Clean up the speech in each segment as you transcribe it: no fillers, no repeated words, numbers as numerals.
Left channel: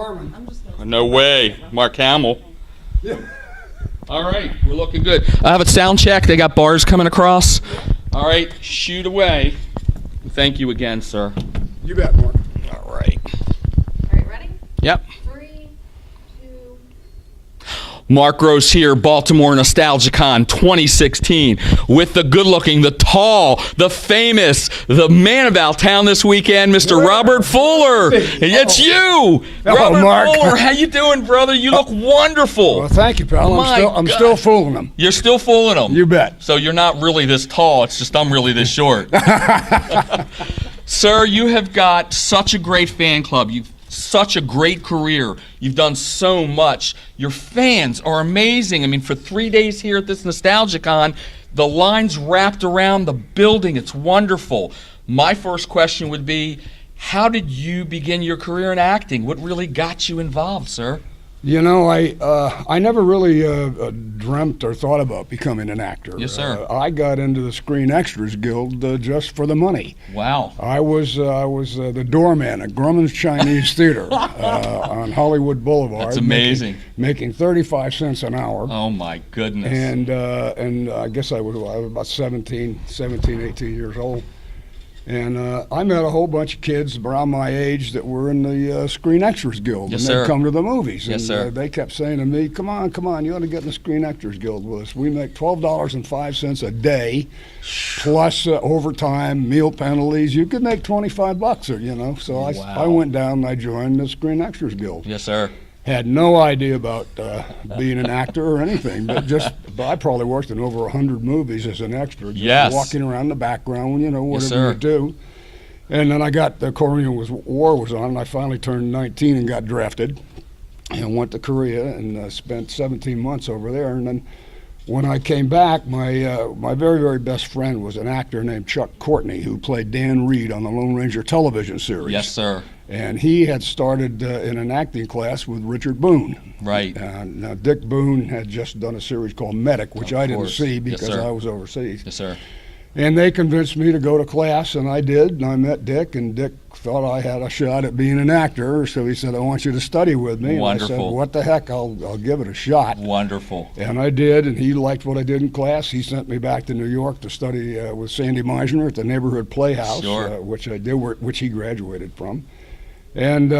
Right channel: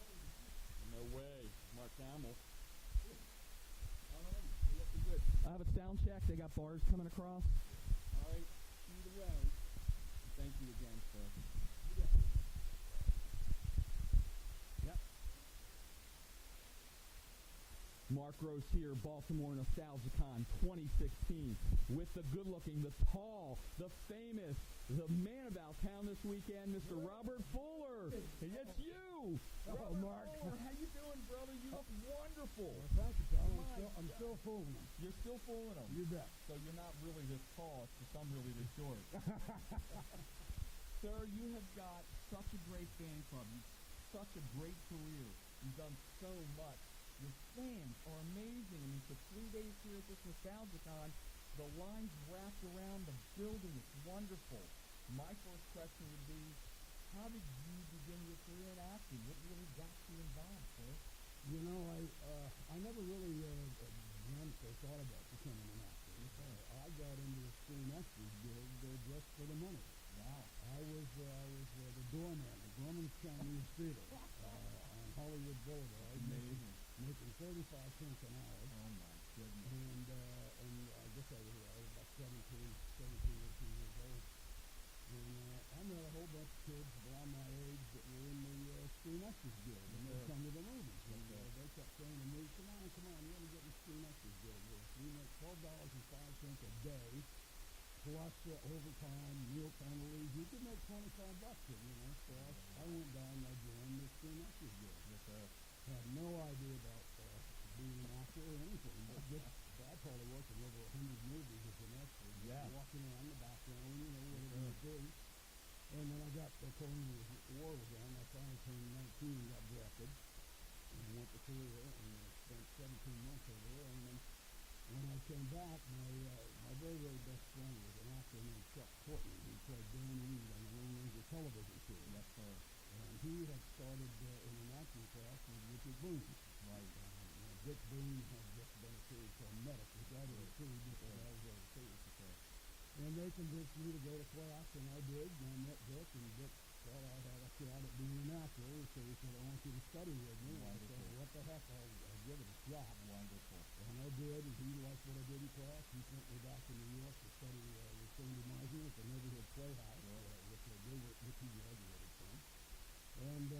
Harmon. No way. Mark Hamill. Yeah. All right, we're looking good. I have a sound check. They got bars coming across. All right, shoot away. Thank you again, sir. You bet, Mark. All right. All right, ready? Yep. 3, 2. Mark Gross here, Baltimore NostalgiaCon 2016, with the good-looking, the tall, the famous, the man about town this weekend, Mr. Robert Fuller. It's you, Hello, Robert Mark. Fuller. How you doing, brother? You look wonderful. Well, thank you, pal. I'm still fooling them. You're still fooling them. You bet. So you're not really this tall. It's just I'm really this short. Sir, you have got such a great fan club. You've such a great career. You've done so much. Your fans are amazing. I mean, for 3 days here at this NostalgiaCon, the line's wrapped around the building. It's wonderful. My first question would be, how did you begin your career in acting? What really got you involved, sir? You know, I never really dreamt or thought about becoming an actor. Yes, sir. I got into the Screen Extras Guild just for the money. Wow. I was the doorman at Grumman's Chinese Theater on Hollywood Boulevard. That's amazing. Making 35 cents an hour. Oh, my goodness. And I guess I was about 17, 18 years old. And I met a whole bunch of kids around my age that were in the Screen Extras Guild. Yes, and sir. they'd come to the movies. Yes, and sir. They kept saying to me, come on, you ought to get in the Screen Extras Guild with us. We make $12.05 a day, plus overtime, meal penalties. You could make $25, or, you know. So I went down and I joined the Screen Extras Guild. Yes, sir. Had no idea about being an actor or anything, but I probably worked in over 100 movies as an extra, just Yes. walking around the background, you know, Yes, whatever sir. you do. And then the Korean War was on, and I finally turned 19 and got drafted, and went to Korea and spent 17 months over there. And then when I came back, my very, very best friend was an actor named Chuck Courtney, who played Dan Reed on the Lone Ranger television series. Yes, sir. And he had started in an acting class with Richard Boone. Right. Now, Dick Boone had just done a series called Medic, which I didn't see Yes, because sir. I was overseas. Yes, sir. And they convinced me to go to class, and I did. And I met Dick, and Dick thought I had a shot at being an actor, so he said, I want you to study with me. Wonderful. And I said, what the heck, I'll give it a shot. Wonderful. And I did, and he liked what I did in class. He sent me back to New York to study with Sandy Meisner at the Neighborhood Playhouse, Sure. which I did, which he graduated from. And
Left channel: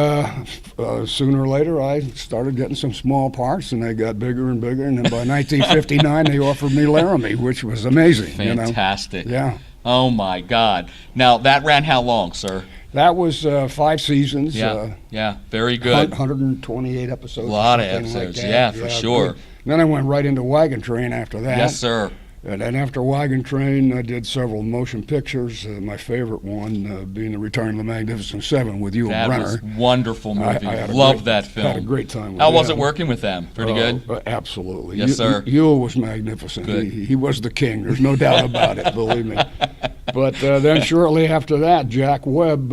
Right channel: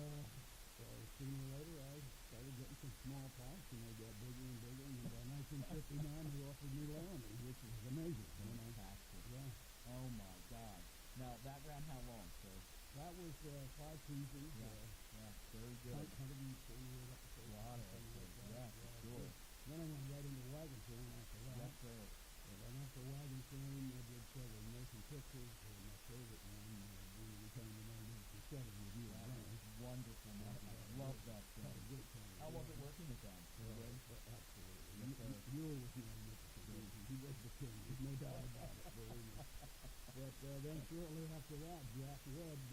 sooner or later, I started getting some small parts, and they got bigger and bigger. And then by 1959, they offered me Laramie, which was amazing. Fantastic. You know? Yeah. Oh, my God. Now, that ran how long, sir? That was 5 seasons. Yeah, very good. 128 episodes. A lot of something like episodes, that. yeah, for sure. Good. Then I went right into Wagon Train after that. Yes, sir. And then after Wagon Train, I did several motion pictures. My favorite one being The Return of the Magnificent Seven with Yul That Brynner. was a wonderful movie. I had a Love great- that film. Had a great time with How was them. it working with them? Pretty good? Absolutely. Yes, sir. Yul was magnificent. Good. He was the king. There's no doubt about it, believe me. But then shortly after that, Jack Webb,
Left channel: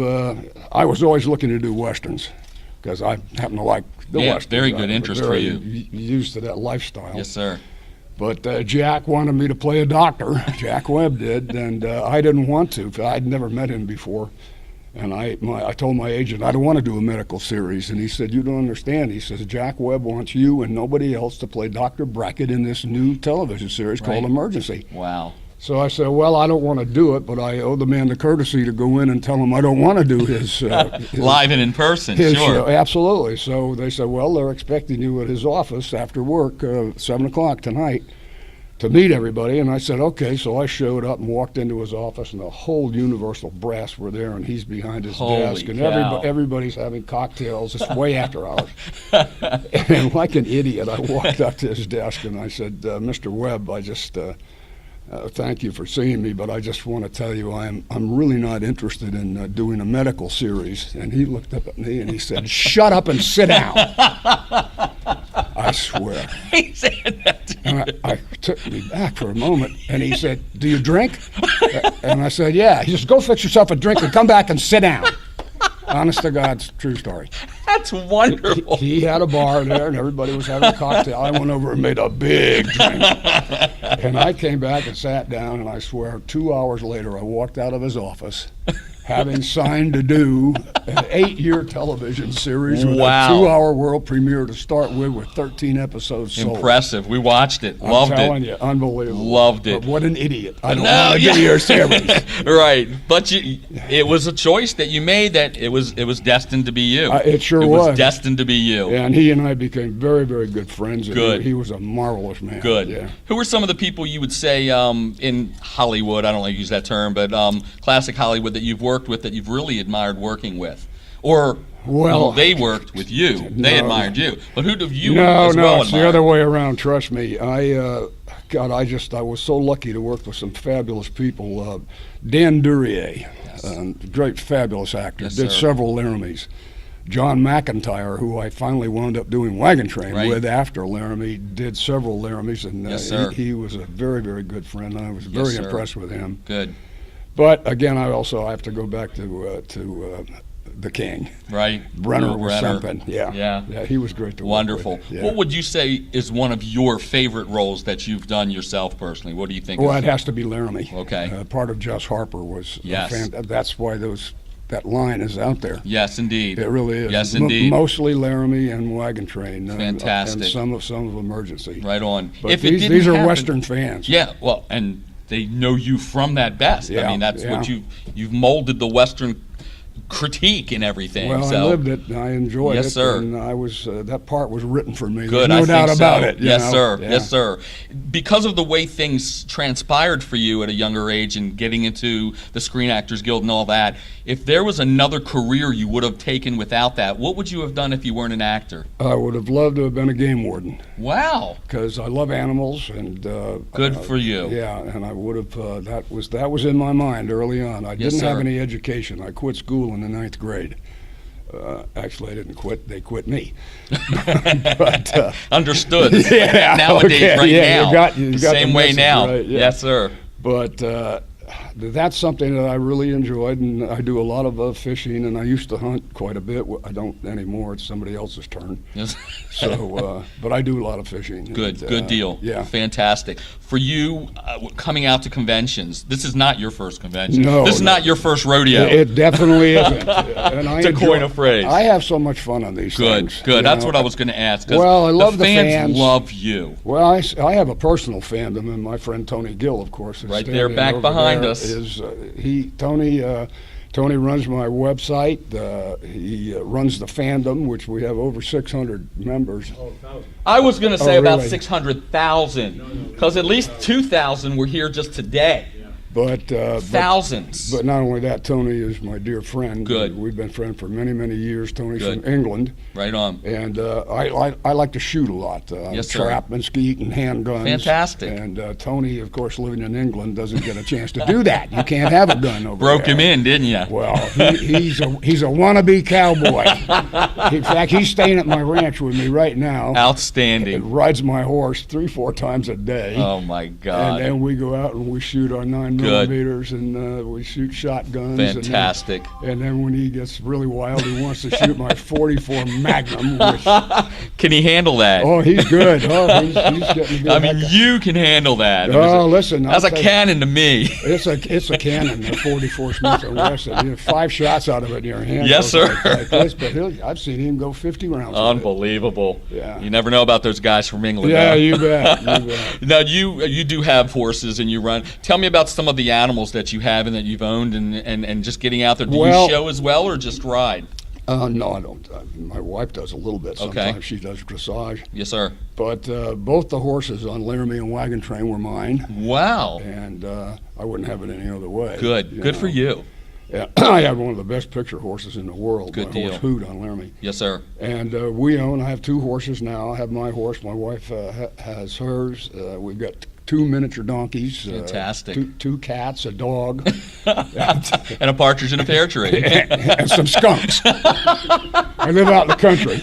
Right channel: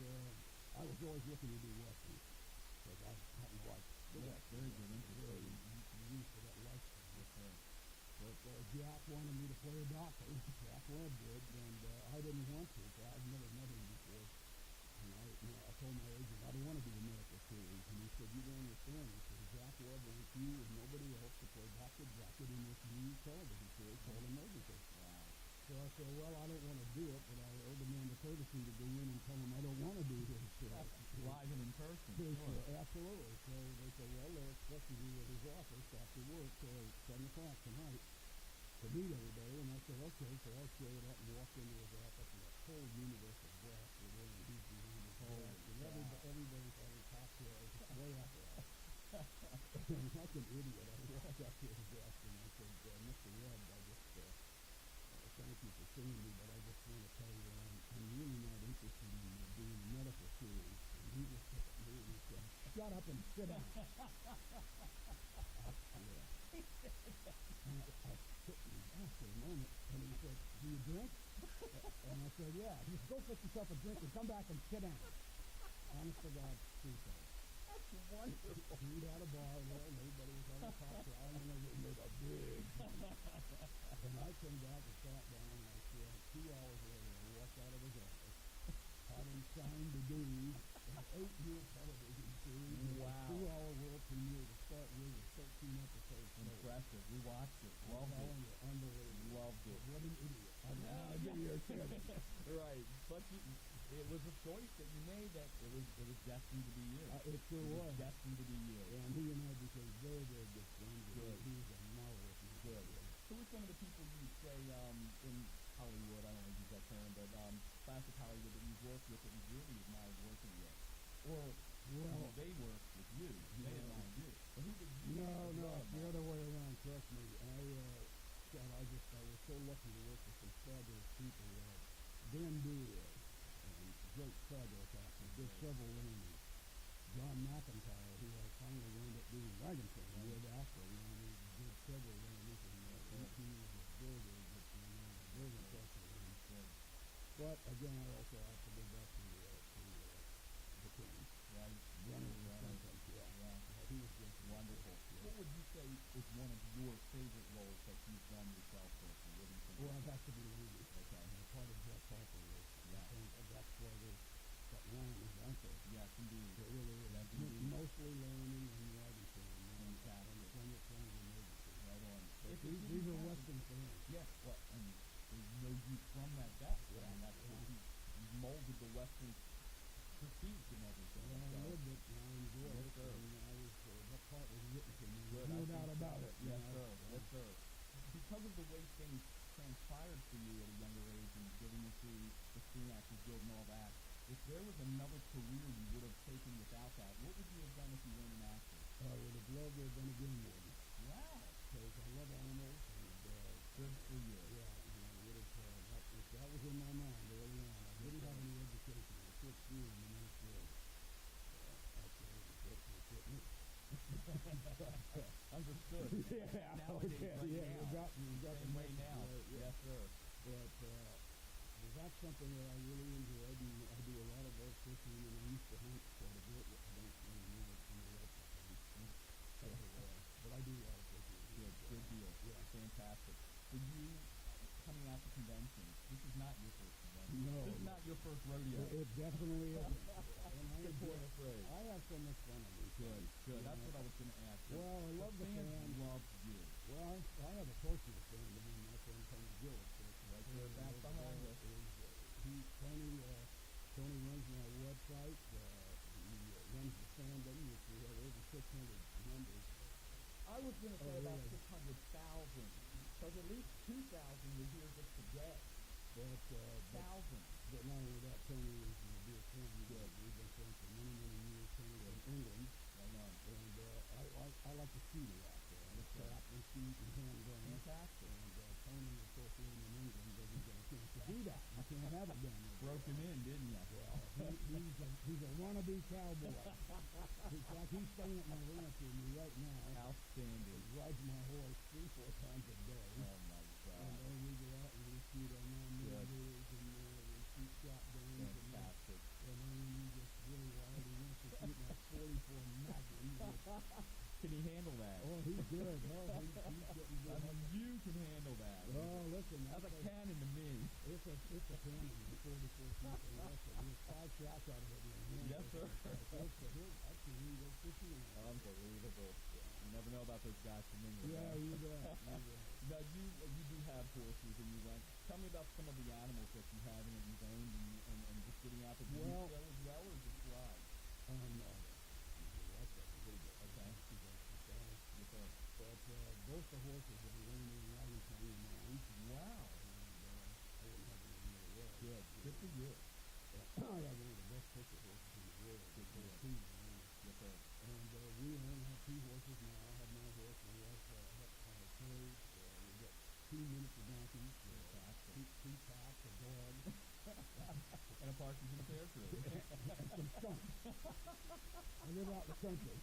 I was always looking to do Westerns because I happen to like the Yeah, Westerns. very good I'm interest for very you. Used to that lifestyle. Yes, sir. But Jack wanted me to play a doctor. Jack Webb did, and I didn't want to. I'd never met him before. And I told my agent, I don't want to do a medical series. And he said, you don't understand. He says, Jack Webb wants you and nobody else to play Dr. Brackett in this new television series called Emergency. Wow. So I said, well, I don't want to do it, but I owe the man the courtesy to go in and tell him I don't want to do his Live and in person, his sure. show. Absolutely. So they said, well, they're expecting you at his office after work, 7 o'clock tonight, to meet everybody. And I said, okay. So I showed up and walked into his office, and the whole Universal brass were there, and he's behind his Holy desk, and cow. everybody's having cocktails. It's way after hours. And like an idiot, I walked up to his desk, and I said, Mr. Webb, I just... thank you for seeing me, but I just want to tell you I'm really not interested in doing a medical series. And he looked up at me and he said, shut up and sit down. I swear. He said that to you. And I took me back for a moment, and he said, do you drink? And I said, yeah. He says, go fix yourself a drink and come back and sit down. Honest to God's true story. That's wonderful. He had a bar there, and everybody was having a cocktail. I went over and made a big drink. And I came back and sat down, and I swear 2 hours later, I walked out of his office, having signed to do an 8-year television series with Wow. a 2-hour world premiere to start with 13 episodes sold. Impressive. We watched it. I'm Loved telling it. you, unbelievable. Loved it. But what an idiot. I don't No, want to be your series. Right, but it was a choice that you made. That it was destined to be you. It sure It was was. destined to be you. And he and I became very, very good friends. And Good. He was a marvelous man. Good. Yeah. Who are some of the people you would say in Hollywood? I don't like to use that term, but classic Hollywood that you've worked with that you've really admired working with, or Well, they worked with you. They no. admired you, but who do you No, as no, well it's admire? the other way around. Trust me. God, I was so lucky to work with some fabulous people. Dan Duryea, great, fabulous actor, Yes, did sir. several Laramies. John McIntyre, who I finally wound up doing Wagon Train Right. with after Laramie, did several Laramies, and Yes, sir. he was a very, very good friend. And I was Yes, very sir. impressed with him. Good. But again, I have to go back to the King. Right. Brenner Lou was Brenner. something. Yeah. Yeah. He was great to work Wonderful. with. Yeah. What would you say is one of your favorite roles that you've done yourself personally? What do you think? Well, is- it has to be Laramie. Okay. Part of Jess Harper was. Yes. That's why that line is out there. Yes, indeed. It really is. Yes, indeed. Mostly Laramie and Wagon Train. Fantastic. And some of Emergency. Right on. But If it these didn't are happen- Western fans. Yeah, well, and they know you from that best. I Yeah, mean, that's what yeah. you've molded the Western critique and everything. Well, so. I lived it. I enjoyed Yes, it. sir. And I was that part was written for me. Good, There's no I doubt think about so. it. Yes, sir. Yeah. Yes, sir. Because of the way things transpired for you at a younger age and getting into the Screen Actors Guild and all that, if there was another career you would have taken without that, what would you have done if you weren't an actor? I would have loved to have been a game warden Wow. because I love animals and. Good for you. Yeah, and I would have. That was in my mind early on. I Yes, didn't have sir. any education. I quit school in the 9th grade. Actually, I didn't quit. They quit me. but Understood. Yeah, Nowadays, okay, right yeah, now. you got the Same way message, now. right, yeah. Yes, sir. but that's something that I really enjoyed, and I do a lot of fishing, and I used to hunt quite a bit. I don't anymore. It's somebody else's turn. Yes. So, but I do a lot of fishing. Good, and, good deal. Yeah. Fantastic. For you, coming out to conventions, this is not your first convention. No, This is no. not your first rodeo. It definitely isn't. And I To enjoy- coin a phrase. I have so much fun on these Good, things. good. you That's know. what I was going to ask. 'Cause Well, I love the fans. fans. Love you. Well, I have a personal fandom, and my friend Tony Gill, of course, is Right there, standing back over behind there, us. Is Tony runs my website. He runs the fandom, which we have over 600 members. I was going to say Oh, about really? 600,000, because at least 2,000 were here just today. But Thousands. But not only that, Tony is my dear friend. Good. We've been friends for many, many years. Tony's Good. from England, Right on. and I like to shoot a lot. Yes, sir. Trap and skeet and handguns. Fantastic. And Tony, of course, living in England, doesn't get a chance to do that. You can't have a gun over Broke there. him in, didn't you? Well, he's a wannabe cowboy. In fact, he's staying at my ranch with me right now. Outstanding. And rides my horse 3-4 times a day. Oh, my And God. then we go out and we shoot our 9 Good. millimeters and we shoot shotguns. Fantastic. And then when he gets really wild, he wants to shoot my 44 Magnum. Which, Can he handle that? oh, he's good. Oh, he's getting good. I mean, you can handle that. Oh, listen. That's a I'll tell you, cannon to me. It's a cannon, a 44 Smith & Wesson. You know, 5 shots out of it in your hand. Yes, goes sir. Like this, but I've seen him go 50 rounds. with it. Unbelievable. Yeah. You never know about those guys from England. Yeah, huh? you bet. You bet. Now you do have horses and you run. Tell me about some of the animals that you have and that you've owned and just getting out there. Do Well- you show as well or just ride? No, I don't. My wife does a little bit. Okay. Sometimes she does dressage. Yes, sir. But both the horses on Laramie and Wagon Train were mine, Wow. and I wouldn't have it any other way. Good. Good for know. you. Yeah, I have one of the best picture horses in the world. Good my deal. horse Hoot on Laramie. Yes, sir. And I have 2 horses now. I have my horse. My wife has hers. We've got 2 miniature donkeys. Fantastic. Two cats, a dog, And a partridge in a pear tree. and some skunks. I live out in the country.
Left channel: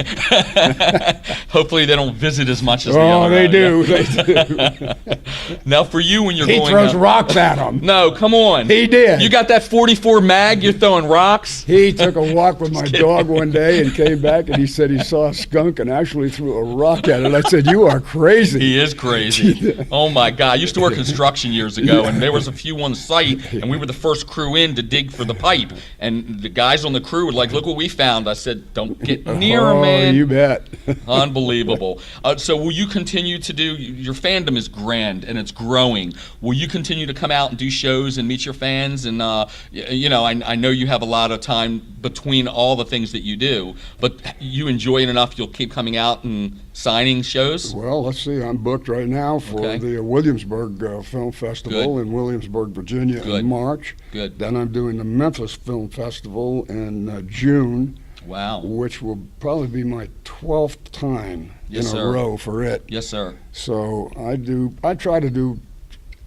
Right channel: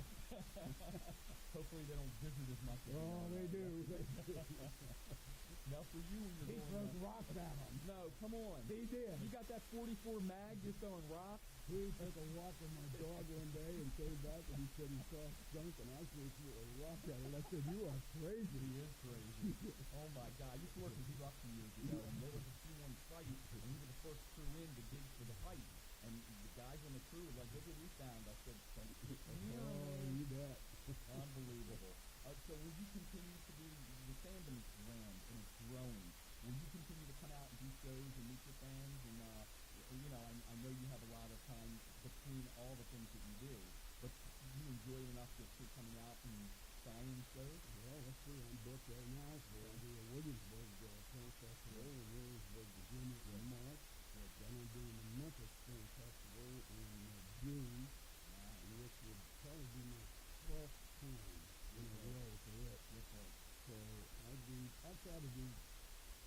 Hopefully they don't visit as much as the Oh, other they one. do. They do. Now for you when you're He going throws out- rocks at them. No, come on. He did. You got that 44 mag, you're throwing rocks? He took a walk with my dog one day and came back and he said he saw a skunk and actually threw a rock at it. I said, "You are crazy." He is crazy. Oh my God, I used to work construction years ago, and there was a few on site, and we were the first crew in to dig for the pipe. And the guys on the crew were like, "Look what we found." I said, "Don't get near 'em, Oh, man." you bet. Unbelievable. So will you continue to do, your fandom is grand and it's growing. Will you continue to come out and do shows and meet your fans? And, I know you have a lot of time between all the things that you do, but you enjoy it enough you'll keep coming out and signing shows? Well, let's see. I'm booked right now for Okay. the Williamsburg Film Festival in Williamsburg, Virginia Good. in March. Good. Then I'm doing the Memphis Film Festival in June, Wow. which will probably be my 12th time Yes, in a sir. row for it. Yes, sir. So I try to do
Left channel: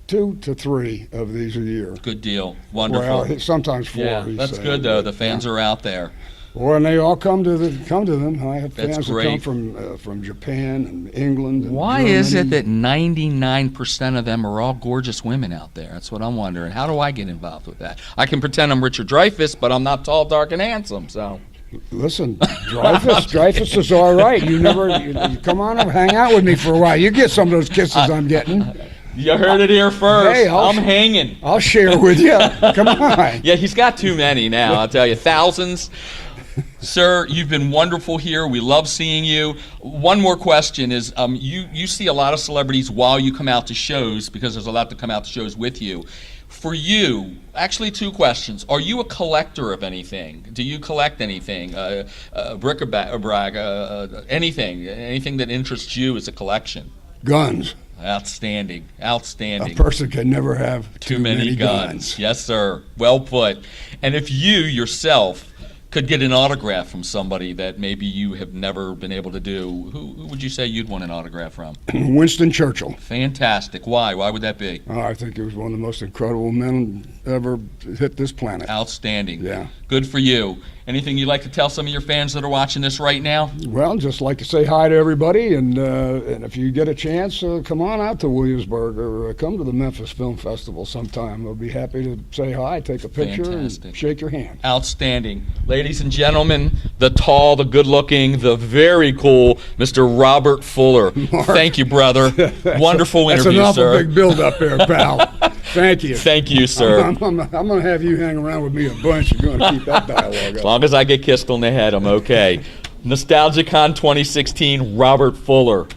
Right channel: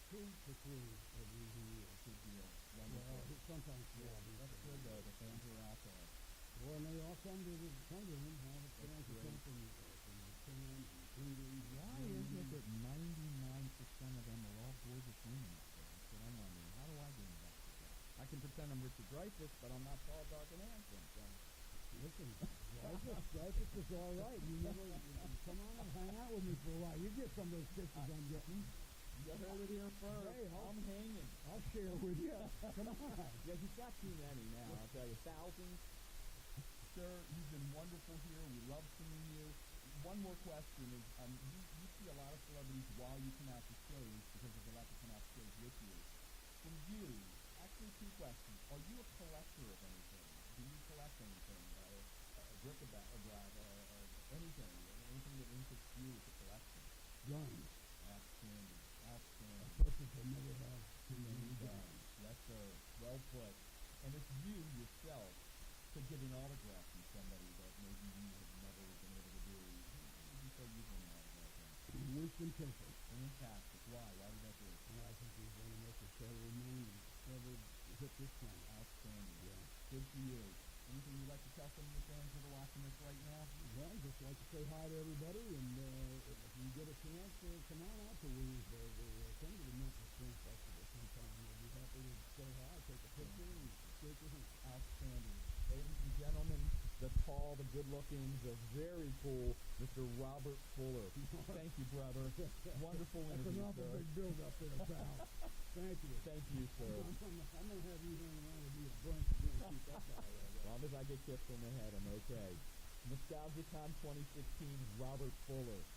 2 to 3 of these a year. Good deal. Wonderful. Well, sometimes 4. Yeah, he's that's saying, good though. but, The fans yeah. are out there. Well, and they all come to them. I have That's fans that great. come from Japan and England. And Why is it Germany. that 99% of them are all gorgeous women out there? That's what I'm wondering. How do I get involved with that? I can pretend I'm Richard Dreyfuss, but I'm not tall, dark, and handsome. So Listen, Dreyfuss is all right. You come on and hang out with me for a while. You get some of those kisses I'm getting. you heard it here first. Hey, I'm hanging. I'll share with you. Come on. Yeah, he's got too many now. I'll tell you, thousands. Sir, you've been wonderful here. We love seeing you. One more question is, you see a lot of celebrities while you come out to shows, because there's a lot to come out to shows with you. For you, actually 2 questions. Are you a collector of anything? Do you collect anything? Bric-a-brac, anything that interests you as a collection? Guns. Outstanding, A outstanding. person can never have Too many guns. Yes, sir. Well put. And if you yourself could get an autograph from somebody that maybe you have never been able to do, who would you say you'd want an autograph from? Winston Churchill. Fantastic. Why? Why would that be? I think he was one of the most incredible men ever hit this planet. Outstanding. Yeah. Good for you. Anything you'd like to tell some of your fans that are watching this right now? Well, just like to say hi to everybody, and if you get a chance, come on out to Williamsburg or come to the Memphis Film Festival sometime. We'll be happy to say hi, take a picture, Fantastic. and shake your hand. Outstanding. Ladies and gentlemen, the tall, the good-looking, the very cool Mr. Robert Fuller. Mark. Thank you, brother. Wonderful That's interview, an awful sir. big build up there, pal. Thank you. Thank you, sir. I'm going to have you hang around with me a bunch. You're going to keep that dialogue As up. long as I get kissed on the head, I'm okay. NostalgiaCon 2016, Robert Fuller.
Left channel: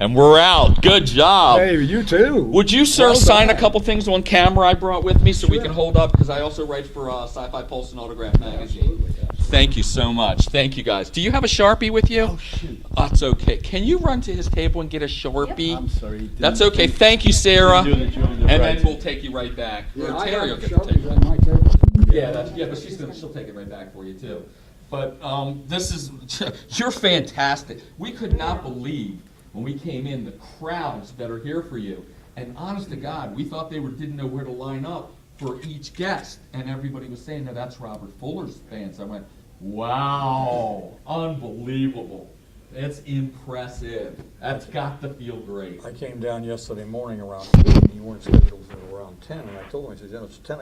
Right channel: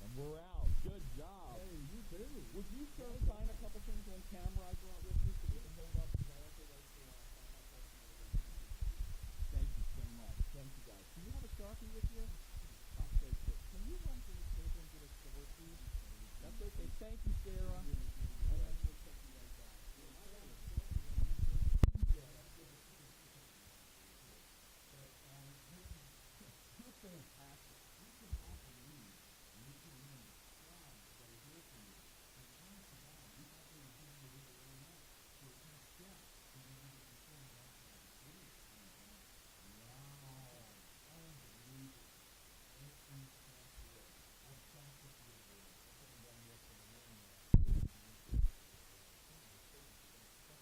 And we're out. Good job. Hey, you too. Would you, sir, Well sign a done. couple things on camera I brought with me so we Sure. can hold up? Because I also write for Sci-Fi Pulse and Autograph Magazine. Thank you so much. Thank you, guys. Do you have a Sharpie with you? Oh, shoot. That's okay. Can you run to his table and get a Sharpie? I'm sorry. That's okay. Thank you, Sarah. Do that, you're on the And right. then we'll take you right back. Yeah, Or I Terry will have get the Sharpies table. on my table. Yeah, but she'll take it right back for you too. But this is you're fantastic. We could not believe when we came in the crowds that are here for you. And honest to God, we thought they didn't know where to line up for each guest, and everybody was saying, "No, that's Robert Fuller's fans." I went, "Wow, unbelievable! That's impressive. That's got to feel great." I came down yesterday morning around 8, and you weren't scheduled until around 10, and I told him, I said, it's 10.